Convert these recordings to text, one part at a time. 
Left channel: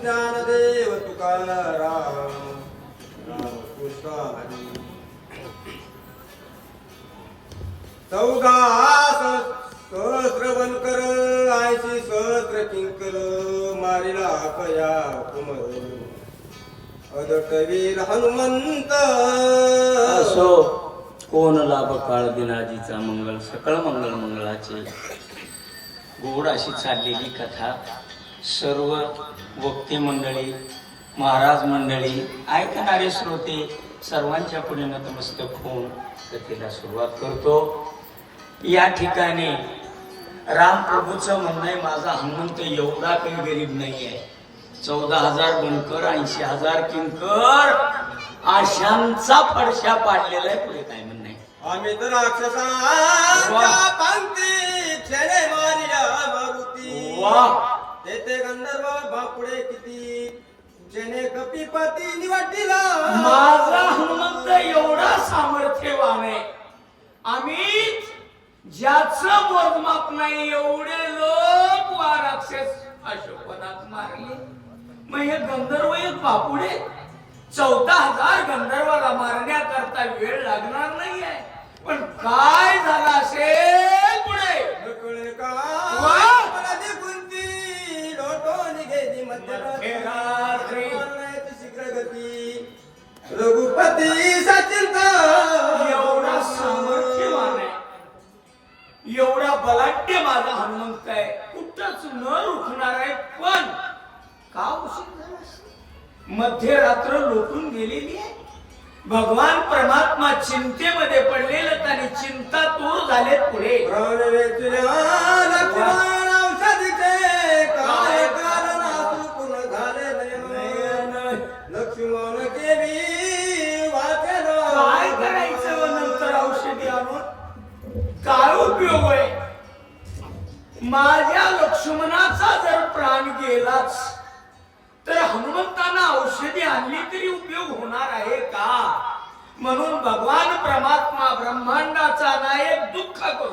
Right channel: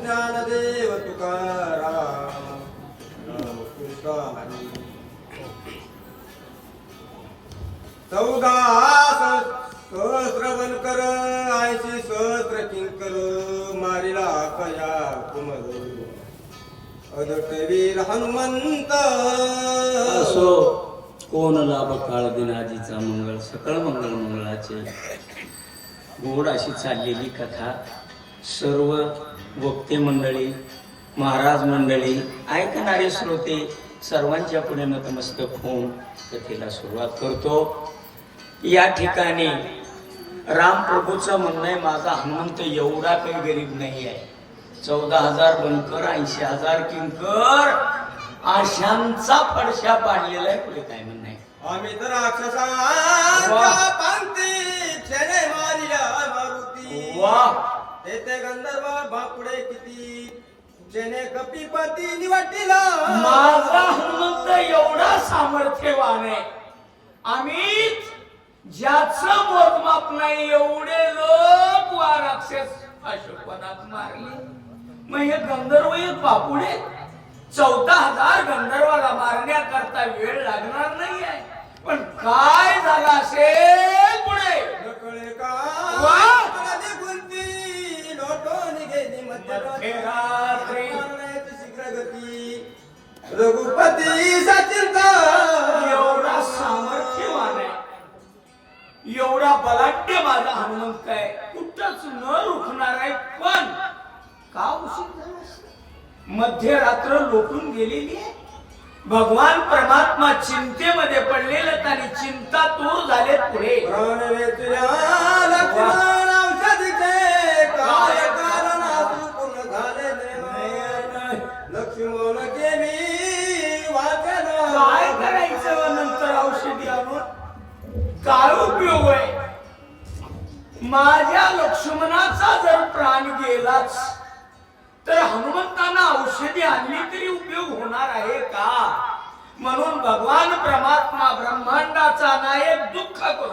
ज्ञानदेव तुकाराम रामकृष्ण हरी चौदा सहस्र वनकर ऐंशी सहस्र किंकर मारिला कया कुमर अदटवीर हनुमंत असो कोण लाभ काळ दिनाजीचा मंगळ सकळ मंगळ मंगळाचे. गोड अशी चाललेली कथा. सर्व वक्ते मंडळी महाराज मंडळी ऐकणारे श्रोते सर्वांच्या पुढे नतमस्तक होऊन कथेला सुरुवात करतो. या ठिकाणी रामप्रभूचं म्हणणं आहे माझा हनुमंत एवढा काही गरीब नाही आहे. चौदा हजार बनकर ऐंशी हजार किंकर आशांचा पडशा पाडलेला आहे. पुढे काय म्हणणं आहे? आम्ही तर राक्षसांच्या पंक्ती तेथे गंधर्व बापुडे किती? जेने कपिपती निवडला. माझा हनुमंत एवढा सामर्थ्यवान आहे आम्ही ज्याचं मोजमाप नाही एवढे लोक वा राक्षस अशोकवनात मारले. मग हे गंधर्व बापुडे. चौदा हजार गंधर्वाला मारण्याकरता वेळ लागणार नाहीये. आहे रघुपती सचिंता. एवढा सामर्थ्यवान आहे. एवढा बलाढ्य माझा हनुमंत आहे. कुठंच न रुखणार आहे पण का उशीर झाला? मध्यरात्र लोटून गेलेली आहे. भगवान परमात्मा चिंतेमध्ये पडलेलं आणि चिंता दूर झाले पुढे. माझ्या लक्ष्मणाचा जर प्राण गेलाच तर हनुमंतांना औषधी आणली तरी उपयोग होणार आहे का? म्हणून भगवान परमात्मा ब्रह्मांडाचा नायक दुःख करू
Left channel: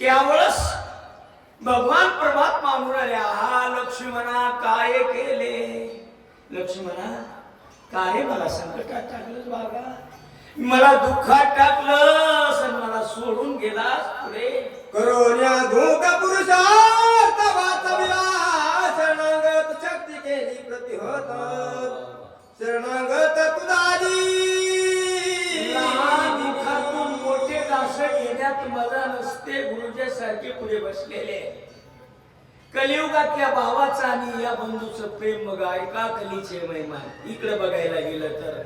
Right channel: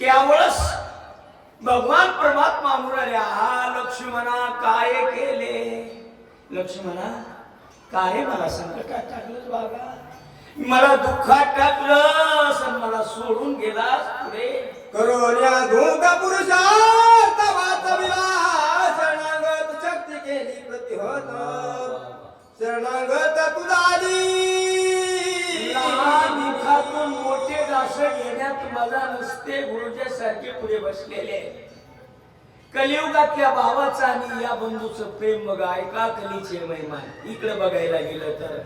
त्यावेळेस भगवान परमात्मा म्हणाले हा लक्ष्मणा काय केले? लक्ष्मणा काय मला संकटात टाकलं बाबा? मला दुःखात टाकलं मला सोडून गेलास पुढे. करोन्या धूत पुरुषार्थ शरणागत शक्ती केली प्रतिहत. शरणागत तुझाली असं दास घेण्यात मजा नसते गुरुच्या सारखे पुढे बसलेले. कलियुगातल्या भावाचा आणि या बंधूचं प्रेम बघा ऐका कलीचे महिमा इकडे बघायला गेलं तर.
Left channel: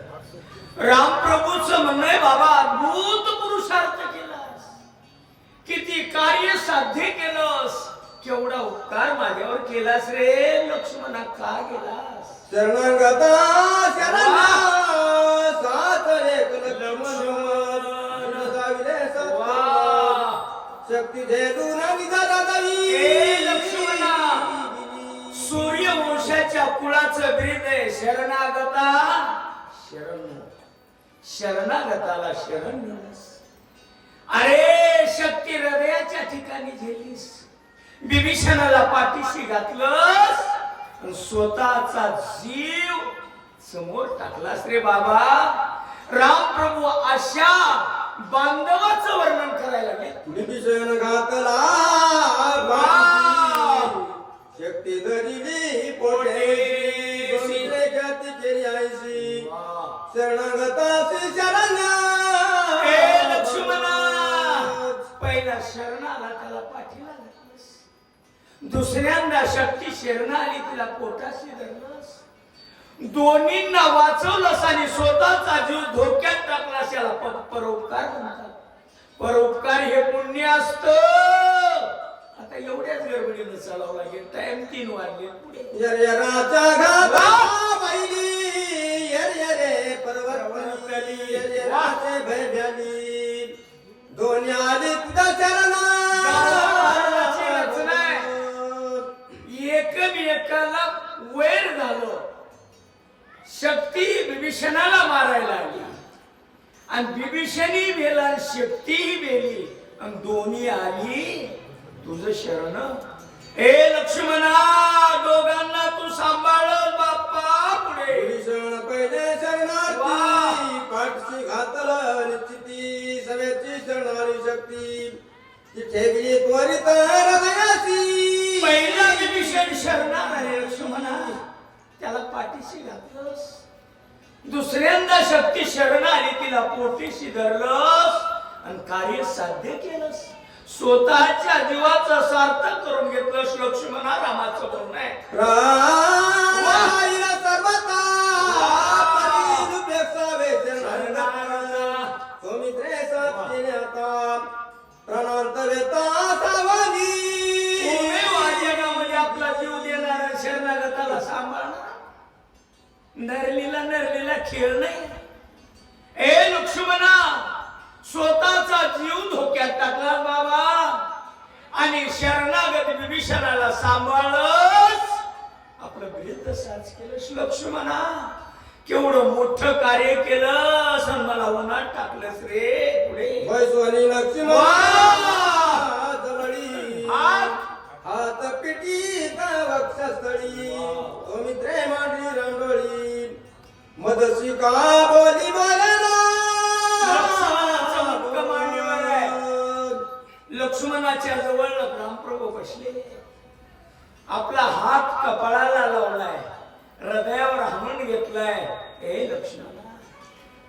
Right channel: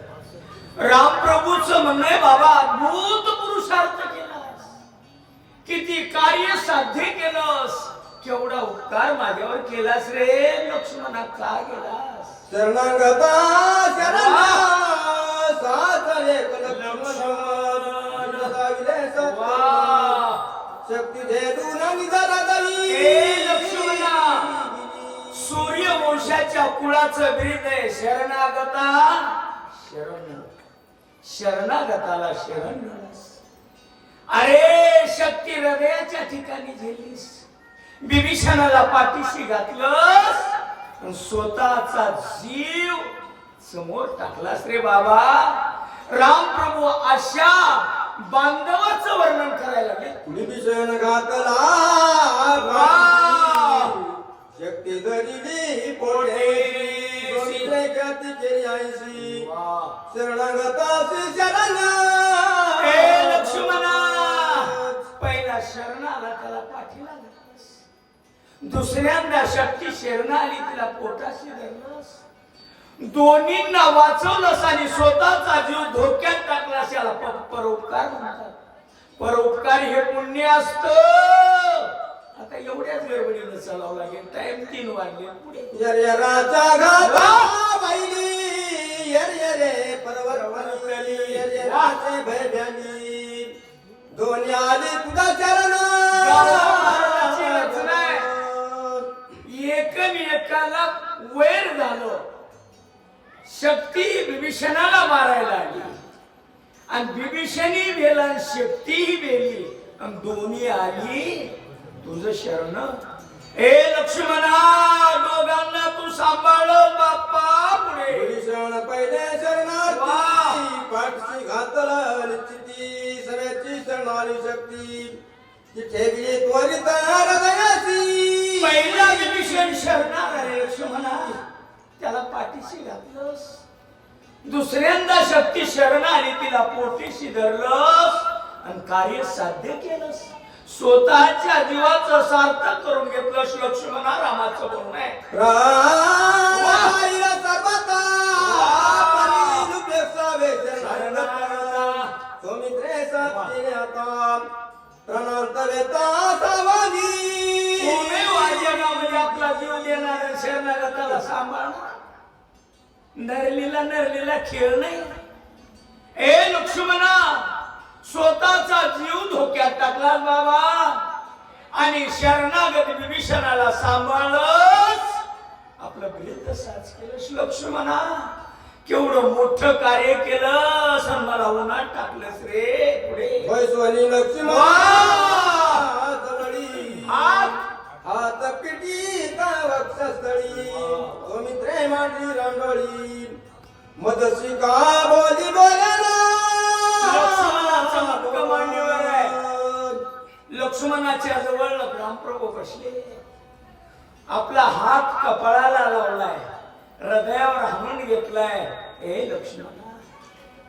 रामप्रभूचं म्हणणं बाबा अद्भुत पुरुषार्थ केलास. किती कार्य साध्य केलंस. केवढा उपकार माझ्यावर केलास रे लक्ष्मणा का केलास शरणागता शरण साथ शक्ती लक्ष्मणा सूर्य वंशाच्या कुळाचं ब्रीद आहे. शरणागता. शरण. शरणागताला शरण मिळास. अरे शक्ती हृदयाच्या ठिकाणी झेललीस बिभीषणाला पाठीशी घातलंस. आणि स्वतःचा जीव समोर टाकलास रे बाबा. राम प्रभू अशा बांधवाचं वर्णन करायला लागले. विभीषण घातला वाह! शक्ती पोटे. बघितले गती केली आईशी शरणागताशी शरण. ए लक्ष्मणा! पहिला शरणाला त्याला पाठीला दुसऱ्यांदा शक्ती शरण आली तिला पोटाशी धरलंस. दोन्हींना वाचवलंस आणि स्वतःचा जीव धोक्यात टाकलास याला परोपकार म्हणतात. परोपकार हे पुण्य असत. आता एवढ्याच गडबडीनं चालावं लागेल. टाइम तीन वाजले. पुढे. यर्यराचा घात पाहिली यर्यरे पर्वत शक्ती बिभीषणाला मारायला आली. आणि बिभीषणी बेला आणि शक्तीही बेली आणि दोन्ही आली तुझं शरण. ए लक्ष्मणा दोघांना तू सांभाळ बाप्पा पुढे. भीषण पहिले शरणार्थी. पाठशी घातला निश्चिती सगळ्याची शरणारी शक्ती. ती ठेकली त्वरित हृदयासी पहिला विभीषण शरणार आहे लक्ष्मणा. त्याला पाठीशी घातलंस. दुसऱ्यांदा शक्ती शरण आली तिला पोटीशी धरलंस आणि कार्य साध्य केलंस. स्वतःच्या जीवाचं सार्थक करून घेतलंस लक्ष्मणा रामाचं बोलणं आहे. शरणागताला सांभाळणार नरलीला नरलीला खेळ नाही. ए लक्ष्मणा स्वतःचा जीव धोक्यात टाकला बाबा. आणि शरणागत विभीषणाला सांभाळच आपलं विरुद्ध साज केलंस लक्ष्मणा. केवढं मोठं कार्य केलं असं मला उन्हात टाकलंस रे पुढे. लक्ष्मण. मदशी का बोली मांडीवर आहे. लक्ष्मणाच्या जवळ रामप्रभू बसले. आपला हात कपाळाला लावलाय. हृदयावर हामण घेतलाय. ए लक्ष्मणा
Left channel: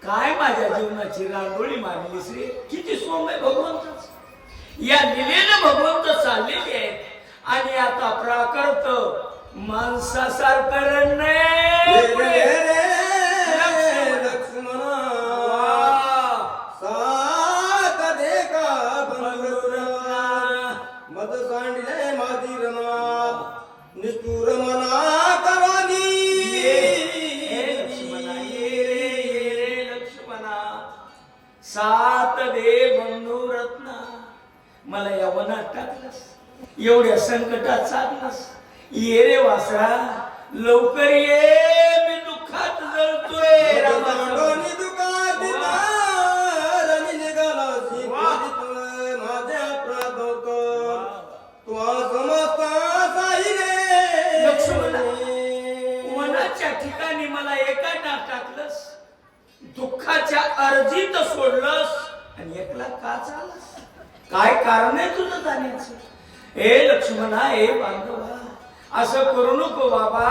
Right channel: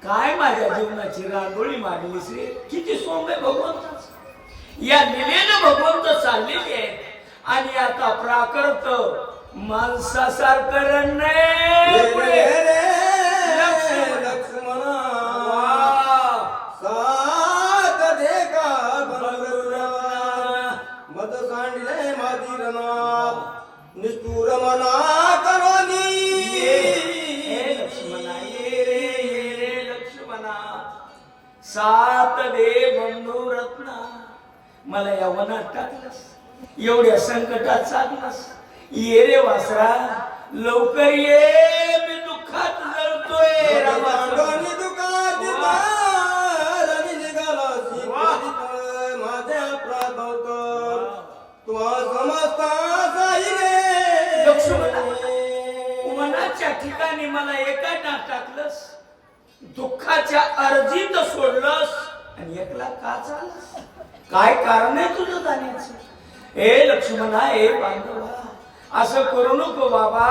काय माझ्या जीवनाची रांगोळी मारलीस रे? किती सोम आहे भगवंताच या लिलेनं भगवंत चाललेले आहेत आणि आता प्राकृत माणसासारखं रण एवढ्या संकटात साधलंस ये रे वासरा लवकर ये. मी दुःखात जळतोय रामाचं. पांडवनी दुकान रणी निघाला सीतेजित माझ्या प्रादवत तुहा समजता साई रे. लक्ष्मणा. वनाच्या ठिकाणी मला एका नाक टाकलंस. दुःखाच्या अर्जीत सोडलंस. आणि एकला का चालस काय कारण आहे तुझं जाण्याचं? ए लक्ष्मणा ए बांधवा असं करू नको बाबा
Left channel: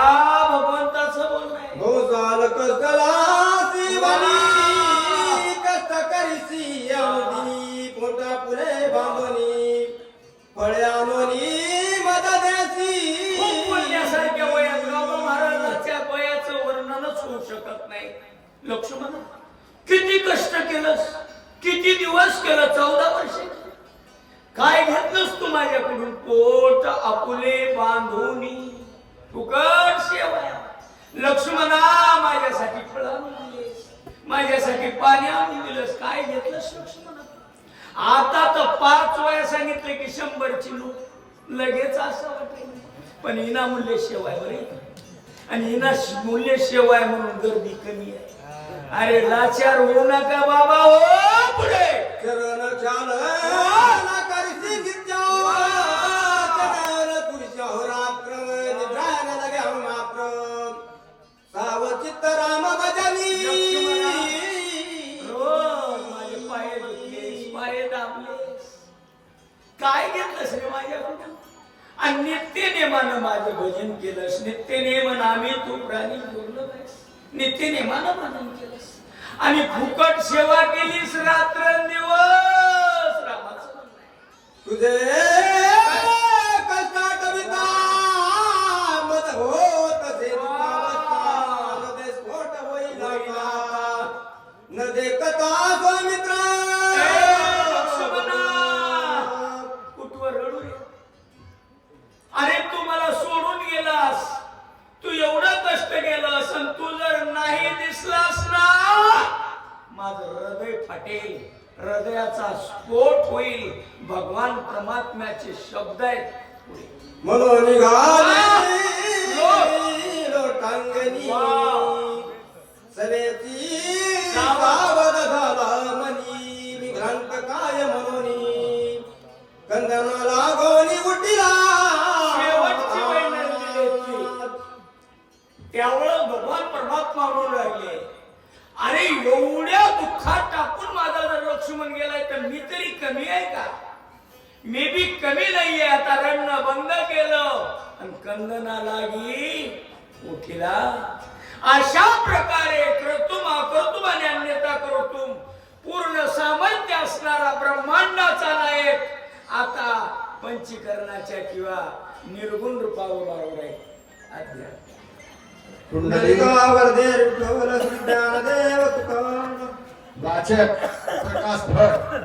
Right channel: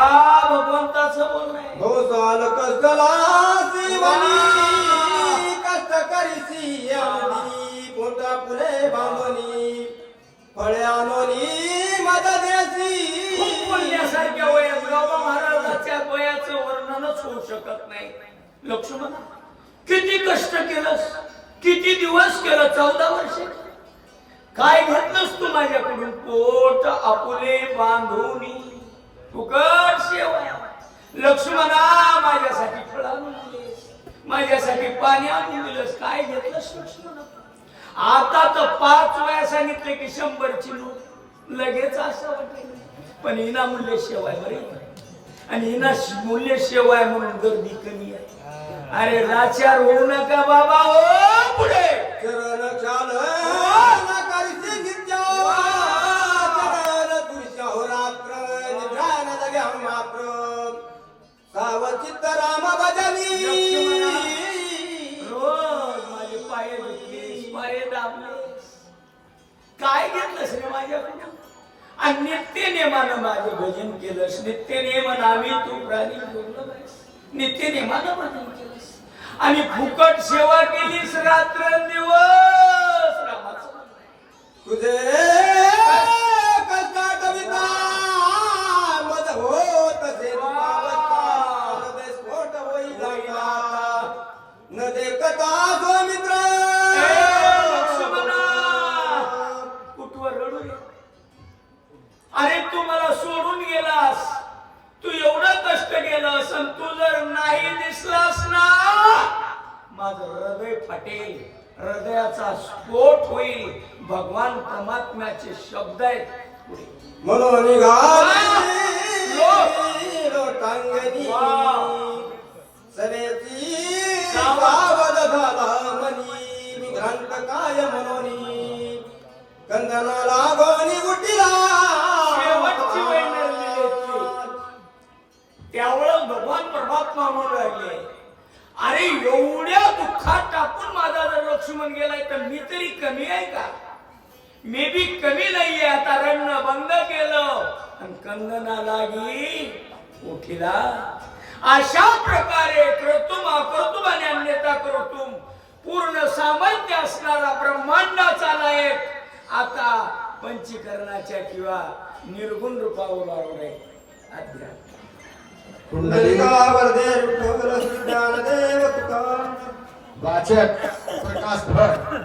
भगवंताचं बोलणं आहे. भोसाल कसला शिवनी कष्ट करीसी अनुदिनी पोटा पुरे बांधणी फळे आणोनी मद देसी. खूप बोलण्यासारख्या वयात बाबा महाराजाच्या वयाचं वर्णनच होऊ शकत नाही. लक्ष्मणा किती कष्ट केलंस किती दिवस केलं चौदा वर्ष? काय घेतलंस तू माझ्याकडून? पोट आपुले बांधवणी फुकट सेवा लक्ष्मणा माझ्यासाठी फळ आणून दिलेस माझ्यासाठी पाणी आणून दिलंस काय घेतलंस लक्ष्मणा? आता तर पाच वया सांगितले की शंभरची लोक लगेच असं वाटेल. पण हिना मूल्य शेवाय बरे आणि हिना मूल्य शेवाय म्हणून गर्दी कमी आहे. अरे लाचार होऊ नका बाबा हो पुढे. काय घेतलंस रे माझ्याकडून आणि नित्य नेमानं माझं भजन केलंस नित्य नेम नामी तू प्राणी बोललं नाहीस. नित्य नेमानं भजन केलंस आणि फुकट सेवा केलीस रात्र दिवस रामाचं तुझे फाटेल हृदयाचा स्फोट होईल. भगवान परमात्म्याचे शब्द आहेत पुढे. म्हणून लोटांगणी वा! कंदना लागी उठिला. अशा प्रकारे क्रतुम अक्रतुम आणि अन्यता क्रतुम. पूर्ण सामर्थ्य असणारा ब्रह्मांडाचा नायक. आता पंचीकरणाच्या किंवा निर्गुण रूपावर आवडे अध्यात्म. विठ्ठल ज्ञानदेव वाचक प्रकाश भट